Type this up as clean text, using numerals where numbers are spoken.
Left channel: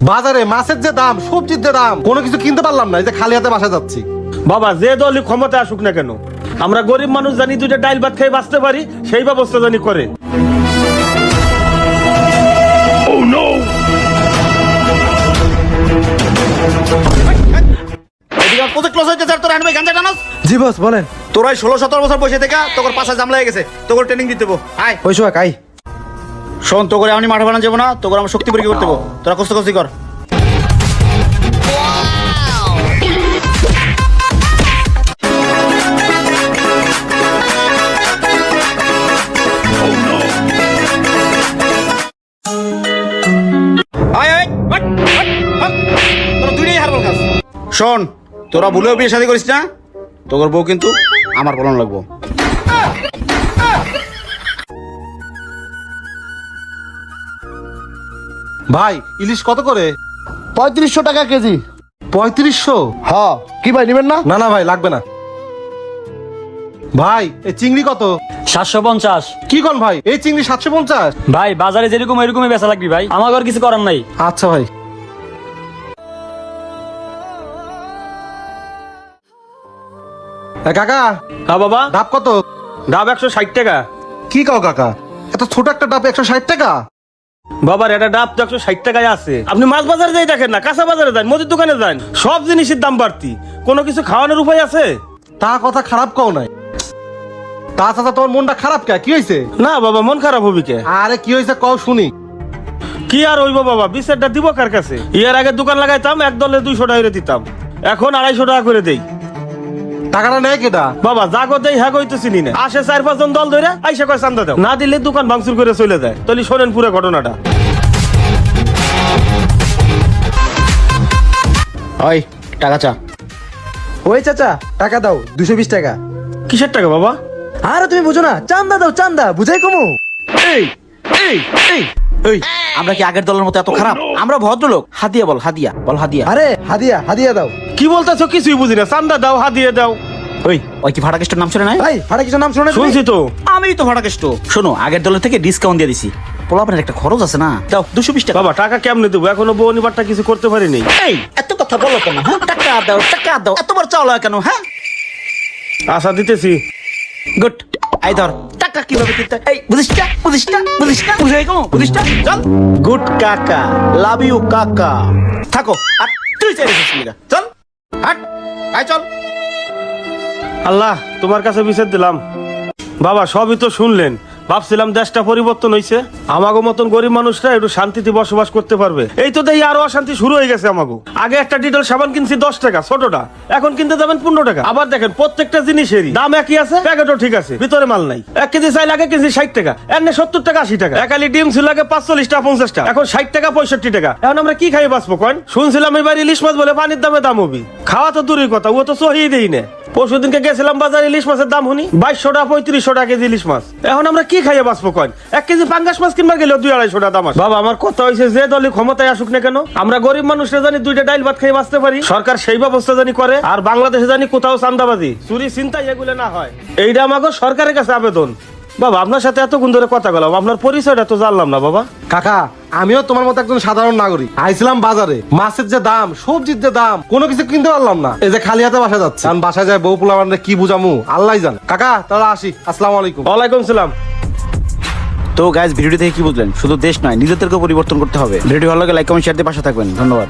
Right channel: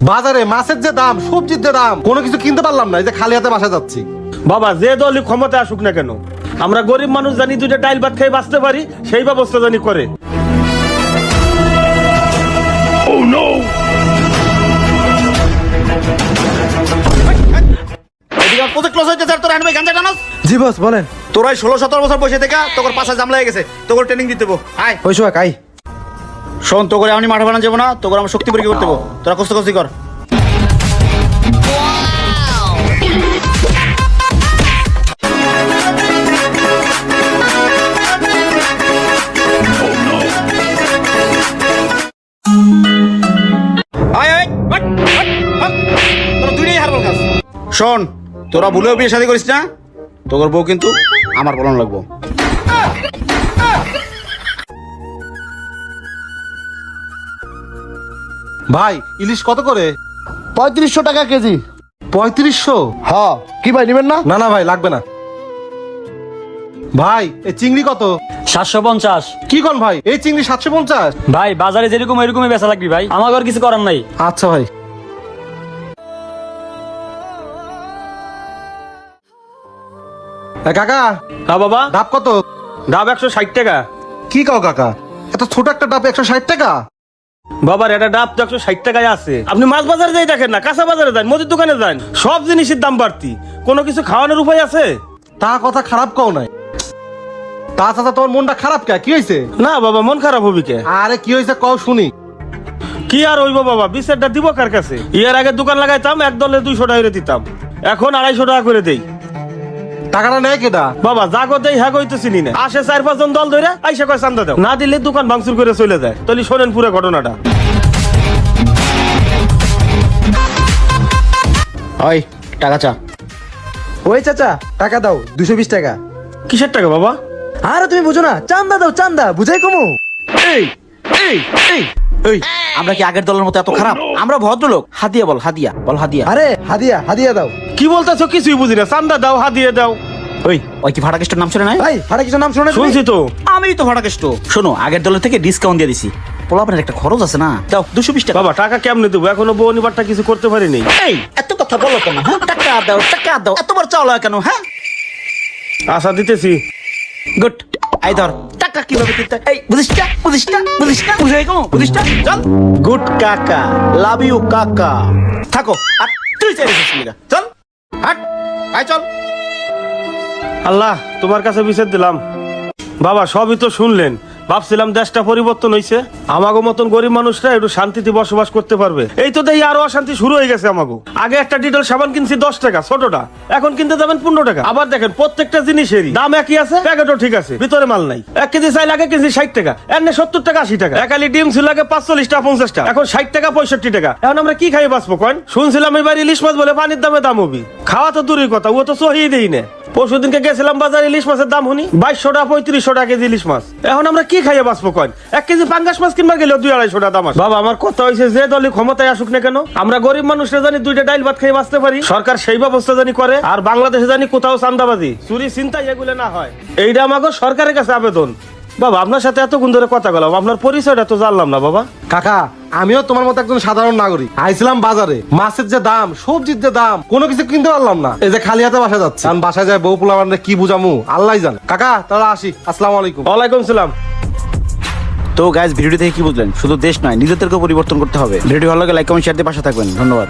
বাজারে মাছের যে দাম, সবজির যে দাম, কোনো কিছু কিনতে পারলাম না। এই যে খালি হাতে বাসায় যাচ্ছি। বাবা যে দলই ক্ষমতা আসুক না কেন, আমরা গরিব মানুষ জানি দুইটা ডাল ভাত খেয়ে বাঁচতে পারি, সেই ব্যবস্থা জানি করে। জি বস বলেন। তোরাই 16-17 বছর বসে থেকে তোর পাশে জাম লেগে গেছে, তোর ট্রেনিং দিতে দেবো। আয় ওই সময় খাই। শোন, তোকে আমি মাঠে বানানো যাবো না, তোকে আমার শক্তি পরীক্ষা করতে দেবো। তোরা কষ্ট কষ্ট কর। শোন, তোরা ভুলেও বিয়ে শাদী করিস না, তোর বউ কিন্তু আমার বলন লাগবো। ভাই ইলিশ কত করে? 3500 টাকা কেজি। 3500? হ্যাঁ, কি ভাই নেবেন না? না না ভাই, লাগবে না। ভাই এই চিংড়ি কত? 750। কি কোন ভাই, এই চিংড়ি 750? ভাই বাজারে যেরকম এরকমই বেচা লাগবে ভাই, আমার আর কিছু করার নাই। আচ্ছা ভাই। কাকা, হ্যাঁ বাবা, ডাব কত? ডাব 160 টাকা। কি কাও কাকা, এত ছোট একটা ডাব 160 টাকা? বাবার এটা ডাব তো 160 টাকায় আছে। আপনি মাছ বাজারে যাই দেখেন না, কাঁচা বাজারে যান, মুদির দোকানে যান, সব জিনিসের দাম বাড়তি। কোনো কিছু খাওয়ানোর উপায় আছে? তার কথা খারাপ কও নাই। তা চাচা তোমার মনটা খারাপ কে? কি হয়েছে? না বাবা, মন খারাপ হবে কে? আরে কি হয়েছে কও শুনি। কি আর হইব বাবা, বিচারটা দিব কার কাছে? এর আগে দোকান লাগাইতাম, এক দলে 200 টাকা করে দিতাম, এখন 250 টাকা করে দেই। টাকাটা নেয় কিটা? বাবা জাগো দেই হ্যাঁ কইতেছি না, আসে 4-5 জন দল ধরে আইসা কয় চান্দা দাও, না দিলে দোকান ভাঙচুর করে চলে যায়। তাহলে শোনেন পুরো ঘটনাটা। ওই টাকা চা। ওই চাচা টাকা দাও, 220 টাকা। কিসের টাকা বাবা? আরে তুমি বোঝো না, চান্দা দাও চান্দা, বুঝাই কমু। এই এই এই এই আমরা কি আগের দলের মতো এত খারাপ? আমরা ভদ্রলোক। হাদিয়া বল, হাদিয়া বল, হাদিয়া। আরে হাদিয়া, হাদিয়া দাও। কি বলতেছো কিছুই বুঝি না, চান্দা দাও হাদিয়ে দাও। ওই কি ফাটাকেস্টের নাম শুনে নাই? ভাই আরে কিছু নাম শুনে? শুনছো তো, আমিই তো ভাড়াকেষ্ট। শোনো, আগের দলের থেকে ডিসকাউন্ট দিয়ে দিছি। পোলাপানের একটা খরচ আছে না, দাও 220 টাকা। বাবা টাকা কেমনে দেবো, এখনো বনিবারটা কিছু করতে পারিনি। এত কথা বলো কেন? টাকা দাও, টাকা দাও, এতবার চাওলা কেন? হ্যাঁ আশা দিতেছি। গুড। আই ধর টাকা কিভাবে দিতে? এই বুঝিস না, বুঝিস না, বুঝিস না, বুঝাই কমু, বুঝিস না। চল। গুড কাকা, লাভ ইউ কাকা। থাকো আর তুই চাই রেছিস লিগা। চল হাট, আই চল। আল্লাহ তোমার কাছে বিচার দিলাম। বাবা সবই তো শুনলেন, ভাবছিলাম দেশটা পরিবর্তন হয়েছে, আমাগো মতন গরিব মানুষরা একটু শান্তিতে বসবাস করতে পারবে। এই তো দেখি আরো অশান্তি শুরু হয়ে গেছে আমাগো। আগে একটা ডিটেল সাবান কিনছি 10 টাকা ছোটটা, এখন কিনতে যাবেন 15 টাকা। আবার দেখেন প্রত্যেকটা জিনিসেরই দাম একই আছে, প্যাকেটও ঠিক আছে, ভিতরে মাল নাই। 1 কেজি চাইল আগে কেজি 60 টাকা, এমনি 70 টাকা 80 টাকা। একালি ডিম ছিল আগে 45 টাকা 50 টাকা, এখন 60 টাকা 65 টাকা। এখন আমরা কি খাই বাঁচবো কয়েন? শুনছিলাম এবার ইলিশ মাছ বলে পানির দামে দাম হবি। খাওয়া তো দূরই কথা, ও তো সহিয়ে দেই না। পরশুদিনকে গেছিলাম বাজার, ইলিশ মাছের দাম শুনি 2200 টাকা 3500 টাকা কেজি ইলিশ মাছ। এখন আমরা কি খাইয়া বাঁচবো কয়েন? 1 কেজি পাঙ্গাস মাছ কিনবা গেলে 200-250 টাকা দাম আছে। বাবা আমার কথা হয়েছে, যে দলে ক্ষমতায় আসুক না কেন, আমরা গরিব মানুষরা জানি দুইটা ডাইল ভাত খেয়ে বাঁচতে পারি। সরকার সেই ব্যবস্থা জানি করে, আর বাংলাদেশে জানি কোথাও চান্দাবাজি চুরি চিন্তা এগুলো না হয়। এইটা আমাকে সরকারের কাছে আবেদন। বাবা আপনার সাথে এতক্ষণ ধরে কথা বললাম, আপনার পরিচয়টা তো জানলাম না বাবা। কাকা আমিও তোমার মতো একজন সাধারণ নাগরিক। আইছিলাম বাজারে, মাছের যে দাম, সবজির যে দাম, কোনো কিছু কিনতে পারলাম না। এই যে খালি হাতে বাসা যাচ্ছে, আমি বাসায় যাই বউ পোলা মানে কি বুঝামু আল্লাহ জানে। কাকা তাহলে আসি, আসসালামু আলাইকুম। ওয়ালাইকুম সালাম। তো গাইস, ভিডিও দেখে কি বুঝলেন? শুধু দেশ নয়, নিজেদেরকে পরিবর্তন করতে হবে। ভিডিও ভালো লাগে লাইক কমেন্ট শেয়ার দিয়ে পাশে থাকবেন। ধন্যবাদ।